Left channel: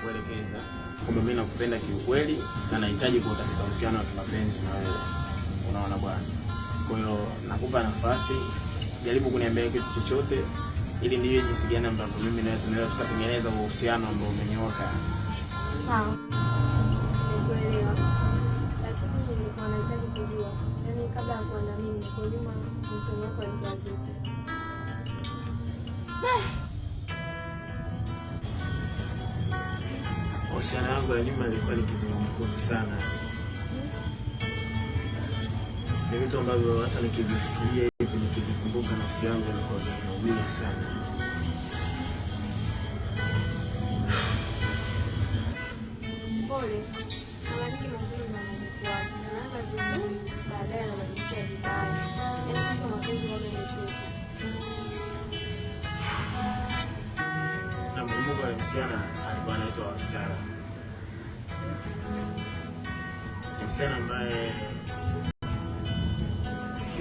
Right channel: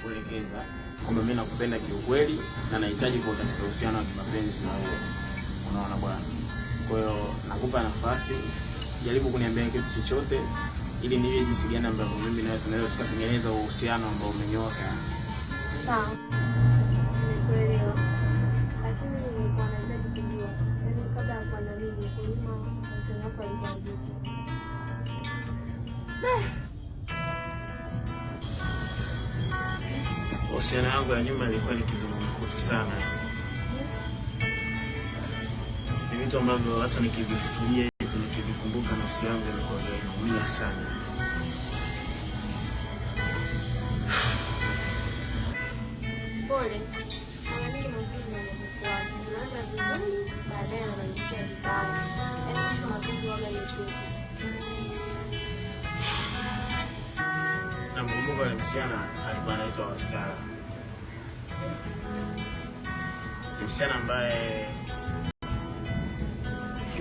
kuelekeza kwamba mimi nakupenda kiukweli na nahitaji kuwa katika uhusiano wa kimapenzi na wewe. Unaona bwana. Kwa hiyo nakupa nafasi, jaribu kuniambia kitu chochote ili niwe jinsi gani ambavyo mimi na wewe tunaweza tukatengeneza uhusiano ambao umenyooka. Sawa. Nimekuelewa. Lakini nilikuwa nahitaji kujua, yaani kabla ya kuwa na mimi kwa nyuma mtoto wako alikuwa vipi? Uhusiano wangu ya nyuma ilikuwa ni kizungumkuti sana. Ni vitu ambavyo hata nikivifikiria hivi nikivikumbuka nafsi yangu inaumia sana. Pole. Mara nyingi mapenzi yanapokuwa naanza vizuri, baadaye yanaishia vibaya. Yaani mwisho mapenzi waga ni chuki. Nakumbuka yule msichana alikuwa anaitwa Wastara. Msichana ambaye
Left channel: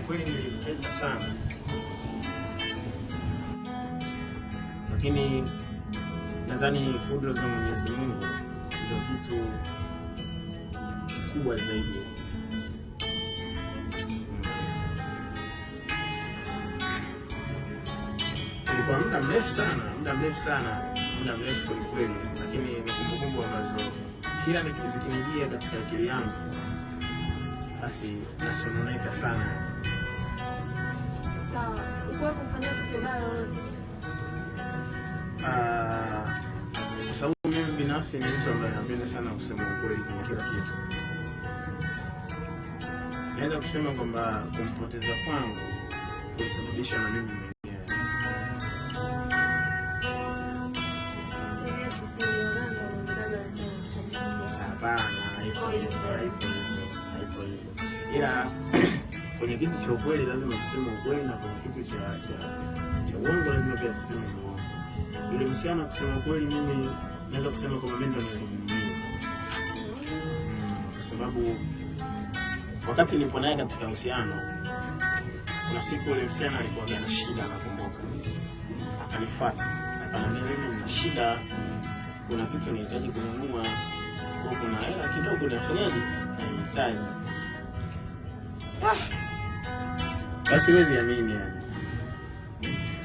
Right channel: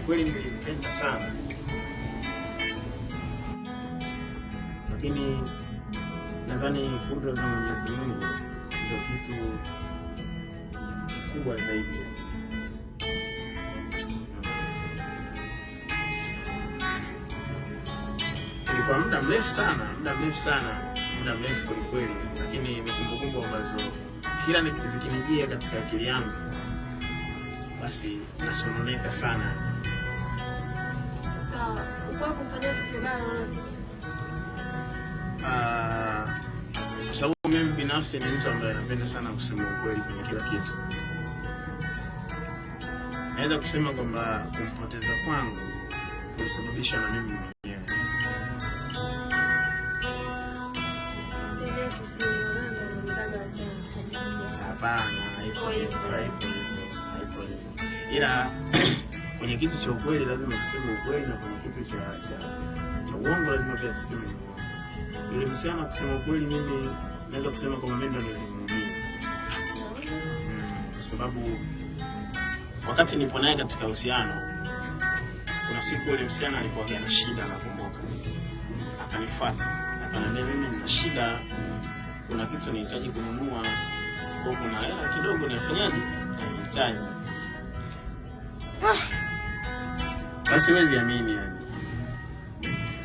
kweli nilimpenda sana. Lakini nadhani kudra za Mwenyezi Mungu ndio kitu kubwa zaidi. Kwa muda mrefu kweli, lakini ni kumbukumbu ambazo kila nikizikijia katika akili yangu basi nasononeka sana. Sawa. Wewe kufanya kitu kibaya. Kwa sababu mimi binafsi ni mtu ambaye napenda sana kusema ukweli kwa kila kitu. Naweza kusema kwamba kumpoteza kwangu kulisababishwa na mimi mwenyewe. Hapana. Ila kwenye kitu cha ukweli lazima tuseme ukweli, na kwenye kitu cha uongo lazima pia tuseme uongo. Ile msichana kusema ukweli, mimi naweza kusema kwamba mimi ndio nilimwambia. Kwa sababu wakati nipo naye katika uhusiano, kuna siku ile msichana alikuwa na shida na akanifuata. Akaniambia mimi nina shida, kuna kitu nahitaji kununua, kwa kuna hela kidogo nafanyaje? Nahitaji. Basi huwezi amini yani.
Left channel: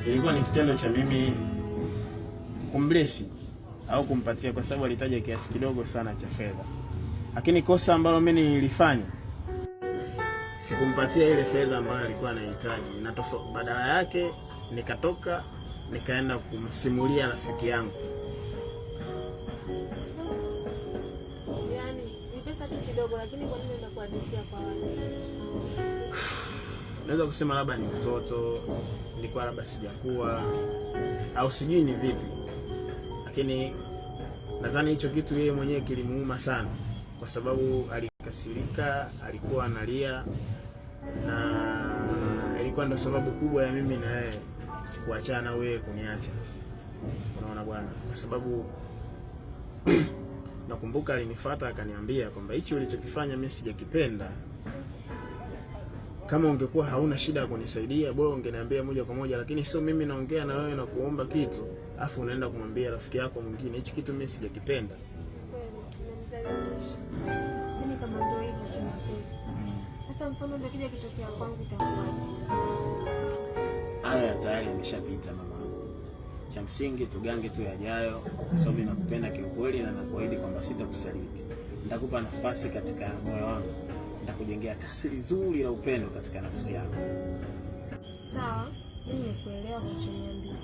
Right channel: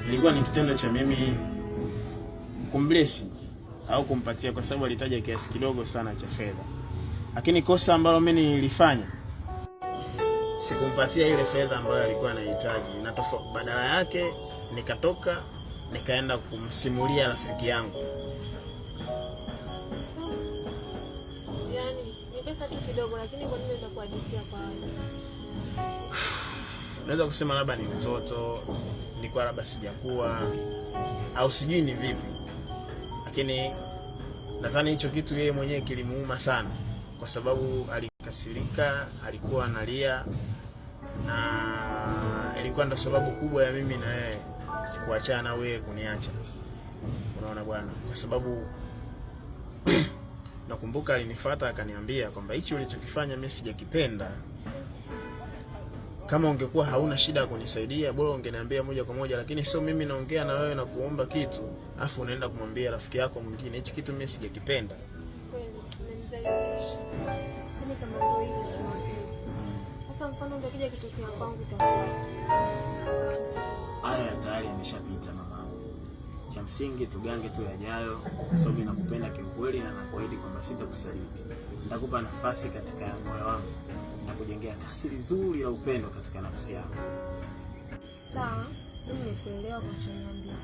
Ilikuwa ni kitendo cha mimi kumblesi au kumpatia, kwa sababu alitaja kiasi kidogo sana cha fedha. Lakini kosa ambalo mimi nilifanya, sikumpatia ile fedha ambayo alikuwa anahitaji, na badala yake nikatoka nikaenda kumsimulia rafiki yangu. Yaani ni pesa tu kidogo, lakini kwa nini unakuhadithia kwa wale? Naweza kusema labda ni mtoto, nilikuwa labda sijakuwa au sijui ni vipi. Lakini nadhani hicho kitu yeye mwenyewe kilimuuma sana, kwa sababu alikasirika, alikuwa analia, na ilikuwa ndo sababu kubwa ya mimi na yeye kuachana, wewe kuniacha. Unaona bwana, kwa sababu nakumbuka alinifuata akaniambia kwamba hichi ulichokifanya mimi sijakipenda. Kama ungekuwa hauna shida ya kunisaidia, bora ungeniambia moja kwa moja, lakini sio mimi naongea na wewe na kuomba kitu, afu unaenda kumwambia rafiki yako mwingine hichi kitu mimi sijakipenda. Kweli, nimemzalisha. Yaani kama ndio hivi tunapenda. Sasa mfano ndio kija kitokea kwangu itakuwaje? Haya tayari yameshapita mama. Cha msingi tugange tu yajayo, kwa sababu ninakupenda kiukweli na nakuahidi kwamba sitakusaliti. Nitakupa nafasi katika moyo wangu. Nitakujengea kasri zuri la upendo katika nafsi yako. Sawa, mimi nimekuelewa kwa choniambia.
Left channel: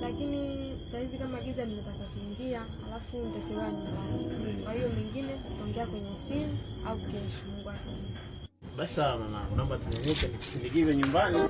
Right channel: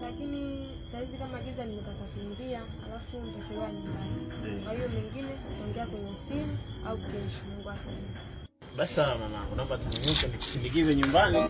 Lakini saizi kama giza nimetaka kuingia, alafu nitachelewa nyumbani. Kwa hiyo mengine tutaongea kwenye simu au kesho, Mungu akipenda. Basi mama, naomba tunyanyuke nikusindikize nyumbani.